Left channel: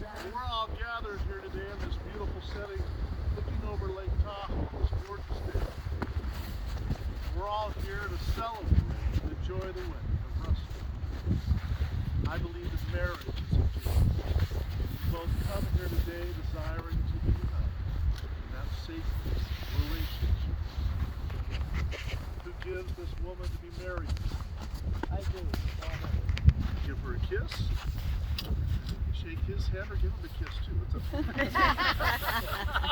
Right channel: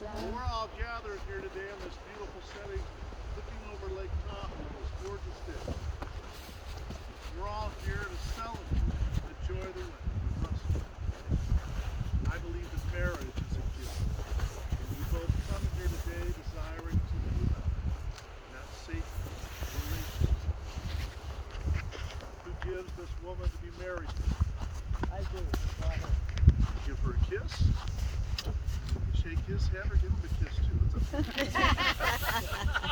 Well, we're all gathered here today in this beautiful setting, looking over Lake Tahoe on this gorgeous day. We're all here to celebrate the joy of the wedding of Russell. I believe that marriage is a gift, and you both come here today desiring to be united in that sacred relationship. Who gives this woman to be married to? I do. Give her a kiss. Shake his hand or give him a kiss too. It's up to you.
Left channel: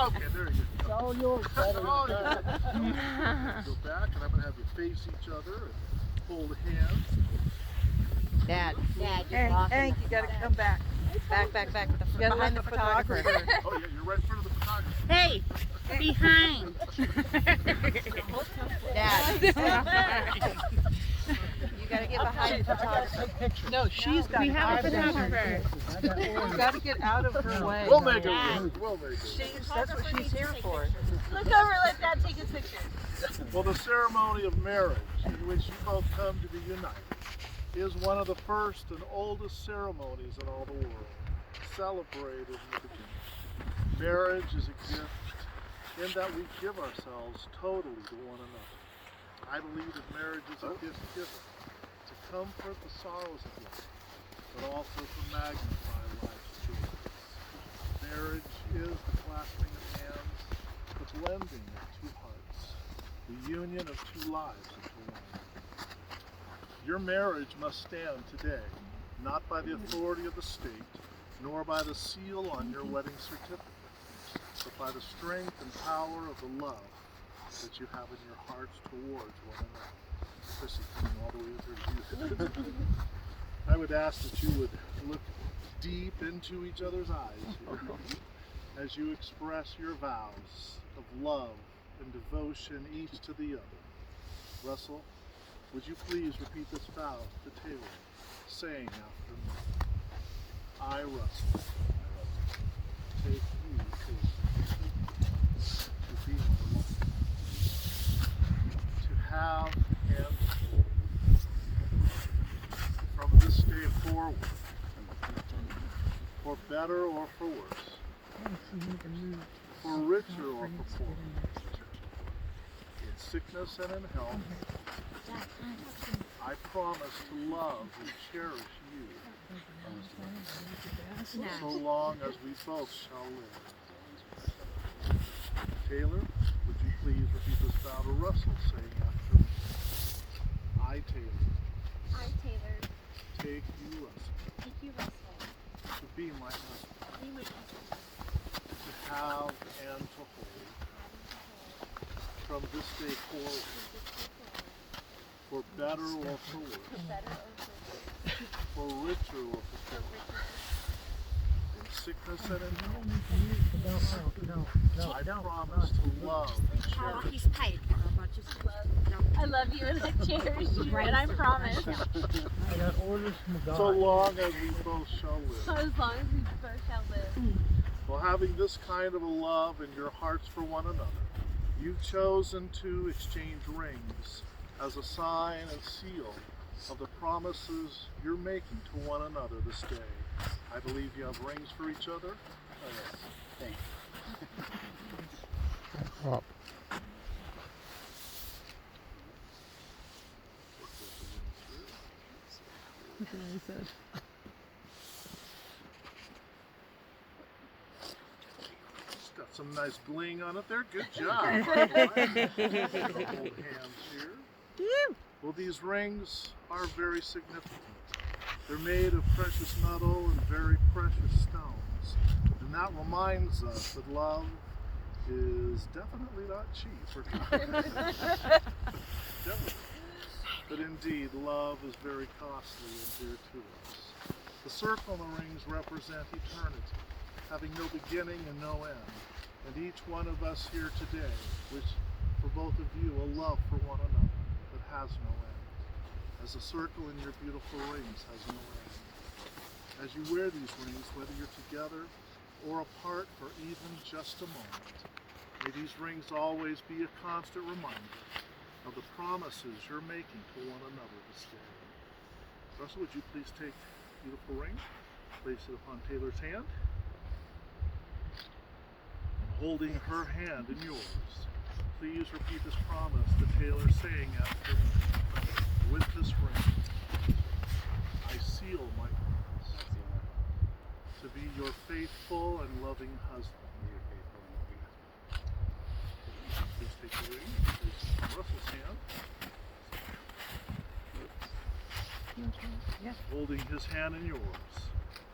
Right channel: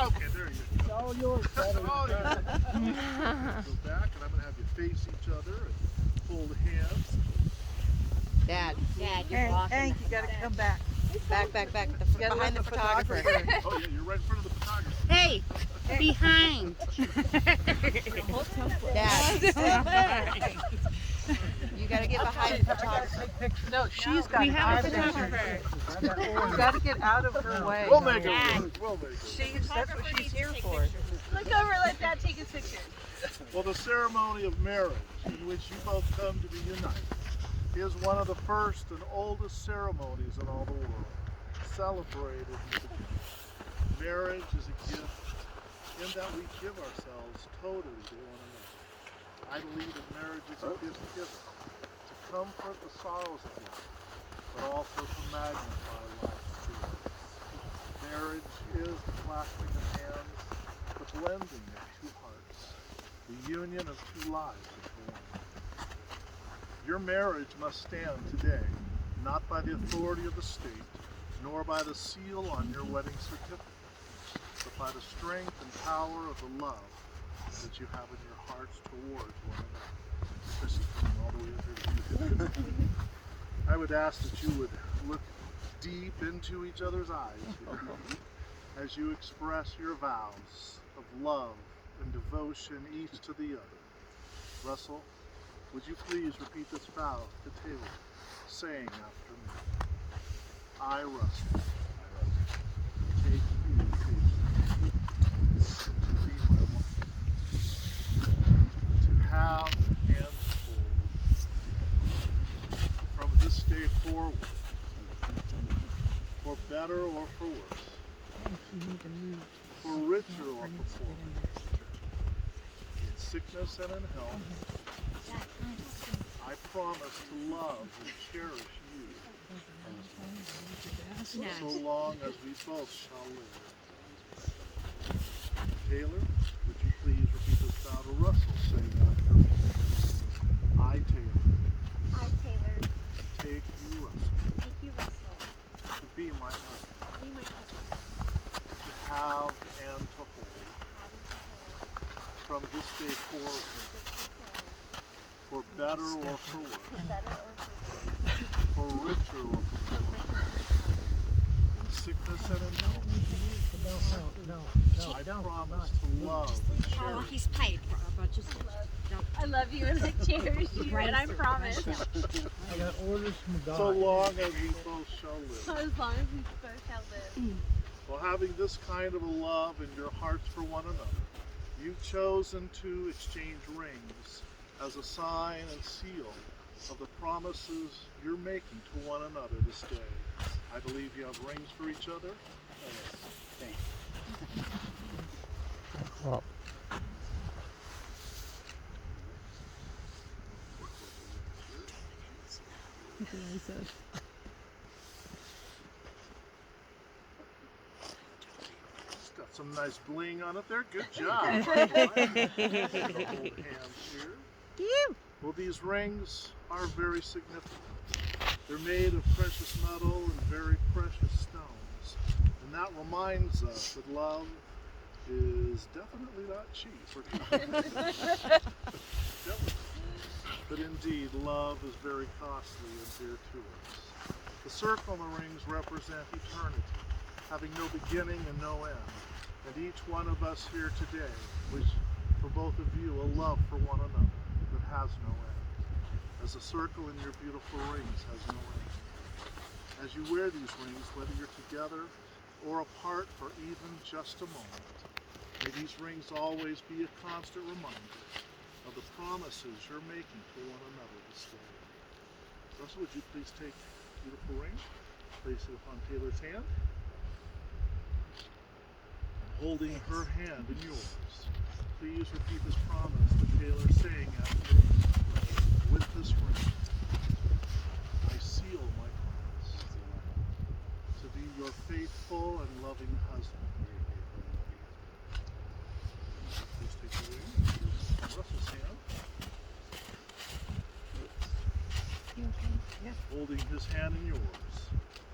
Okay, there you go. It's all yours, buddy. Oh, yeah. Go back, and I'm going to have you face each other and hold hands. Dad, Hey, Hank, you gotta come back. back. Behind the photographer. Oh, yeah, you're right in front of the photographer. Hey, behind. Dad. You gotta get behind the photographer. No, she's got We to have a get out of photographer. You gotta get out of her way. We'll make it work. We'll make it work. That's what she's here for. Look over, let Dad take his picture. Well, the ceremony of marriage, in which you both come to be united, is one of the first and oldest ceremonies in all the world, celebrated in the beginning. Marriage is a gift in that we give ourselves totally to one another. I believe that marriage is a gift given to comfort the sorrows of life, but also to magnify life's joys. Marriage is the clasping of hands, the blending of two hearts, the union of two lives into one. Your marriage must stand today, not by the authority of the state, nor by the seal on your wedding certificate, but by the strength and power of the love that you have in your hearts towards one another. Chrissy coming all the way up here to you. I would ask that you would look deep into each other's eyes here as you express your vows of love and devotion each to the other. Russell, would you please repeat this vow to Taylor, saying after me, I, Russell, take you, Taylor, to be my wife, to have and hold, from this day forward, for better or for worse, for richer or for poorer, in sickness and in health, I promise to love and cherish you so long as we both shall live. Taylor, would you please repeat this vow to Russell, saying after me, I, Taylor, I, Taylor, take you, Russell, thank you, Russell, to be my husband, be my husband, to have and to hold, having to hold, from this day forward, from this day forward, for better or for for worse, better or for worse, for richer or for for poorer, richer in sickness and in health, I promise to love and cherish He's tight. I love you and I cherish you, and I promise, I got orders from God. so long as we both shall live. as long as we both shall live. Well, having this kind of a love in your hearts for one another, you've chosen to exchange rings as a sign and seal of the promises you're making to one another this day. I believe you have rings for each other. Oh, yes. Thanks. It's got some nice bling on it there. Good job. Hold hands here. Well, these rings are very significant. They're made of precious metal and very precious stones. And that reminds us that love is definitely not cheap. Or definitely. But indeed, love is very costly and dear to us. The circle and the rings represent eternity, having no beginning and no end. And each one of us here today, which for both of you, a love for one another that has no end, as the circle in your beautiful rings has no end. As you wear these rings, whether you're together or apart for even just a moment, may these rings always be a constant reminder of the promises you're making to one another this day. Russell, would you please take beautiful ring? Place it upon Taylor's hand. And holding her hand in yours, please repeat this promise to Taylor, saying after me, with this ring, I seal my promise to be your faithful and loving husband. Please take the ring and place it on Russell's hand. Holding his hand in yours,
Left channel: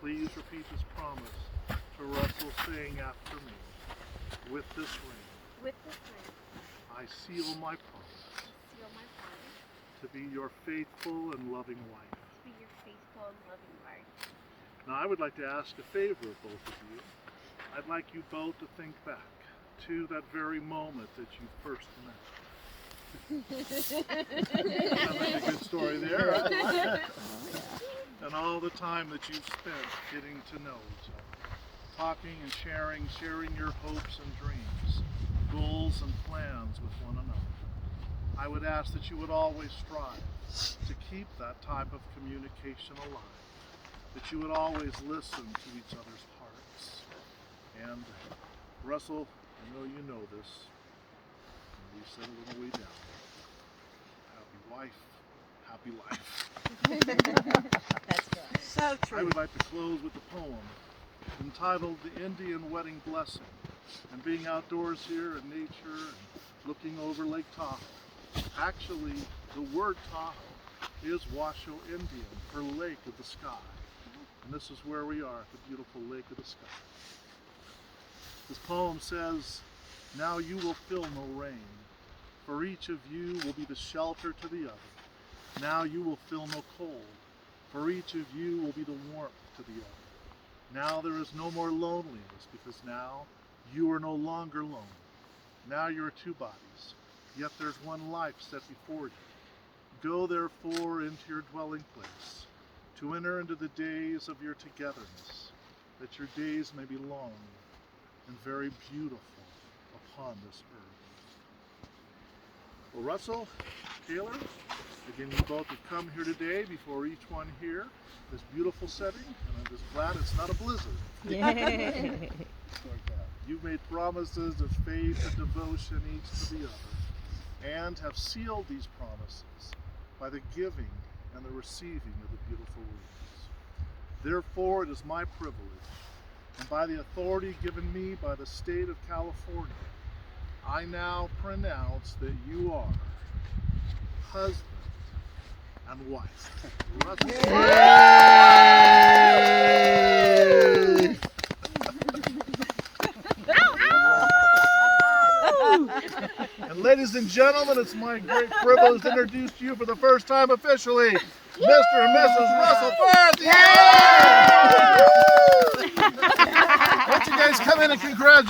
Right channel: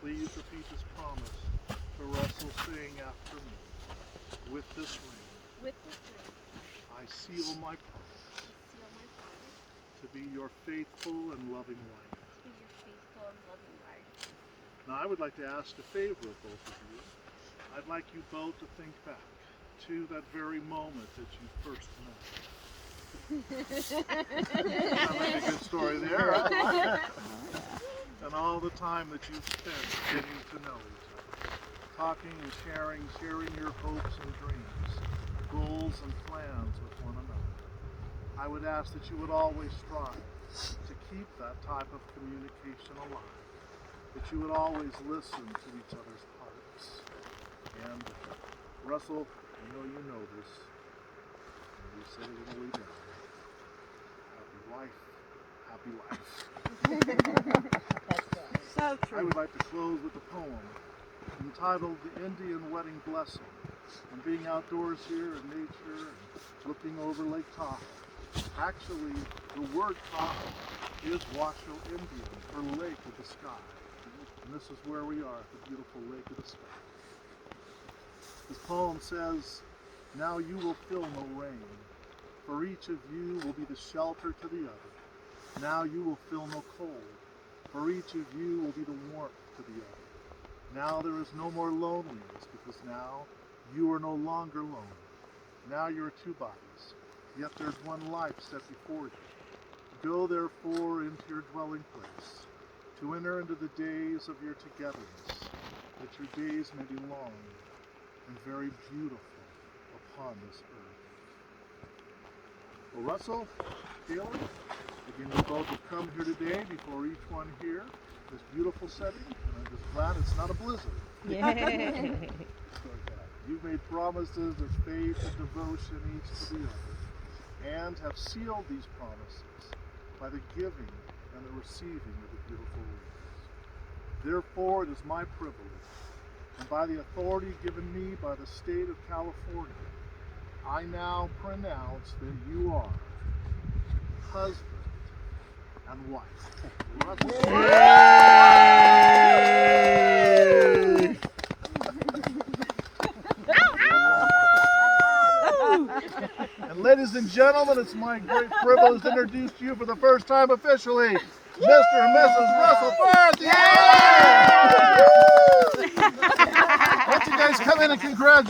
please repeat this promise to Russell, saying after me, with this ring, With this ring, I seal my promise seal my promise to be your faithful and loving wife. to be your faithful and loving wife. Now I would like to ask a favor of both of you. I'd like you both to think back to that very moment that you first met. Sounds like a good story there. Right? And all the time that you've spent getting to know each other, talking and sharing your hopes and dreams, goals and plans with one another. I would ask that you would always strive to keep that type of communication alive, that you would always listen to each other's hearts. And Russell, I know you know this, and we said it on the way down. Happy wife, happy life. So true. I would like to close with a poem entitled The Indian Wedding Blessing. And being outdoors here in nature and looking over Lake Tahoe, actually the word Tahoe is Washoe Indian for Lake of the Sky. And this is where we are, the beautiful Lake of the Sky. This poem says, now you will feel no rain, for each of you will be the shelter to the other. Now you will feel no cold, for each of you will be the warmth to the other. Now there is no more loneliness, because now you are no longer lonely. Now you are two bodies, yet there's one life set before you. Go therefore into your dwelling place, to enter into the days of your togetherness, that your days may be long and very beautiful upon this earth. Well, Russell, Taylor, again, you both have come here today before each one here, this beautiful setting, and I'm just glad it's not a blizzard. You've made promises of faith and devotion each to the other, and have sealed these promises by the giving and the receiving of the beautiful rings. Therefore, it is my privilege, and by the authority given me by the state of California, I now pronounce that you are husband and wife. And ladies and gentlemen, it's my great privilege to introduce to you for the first time officially, Mr. and Mrs. Russell Forth. Yeah! Why don't you guys come in and congratulate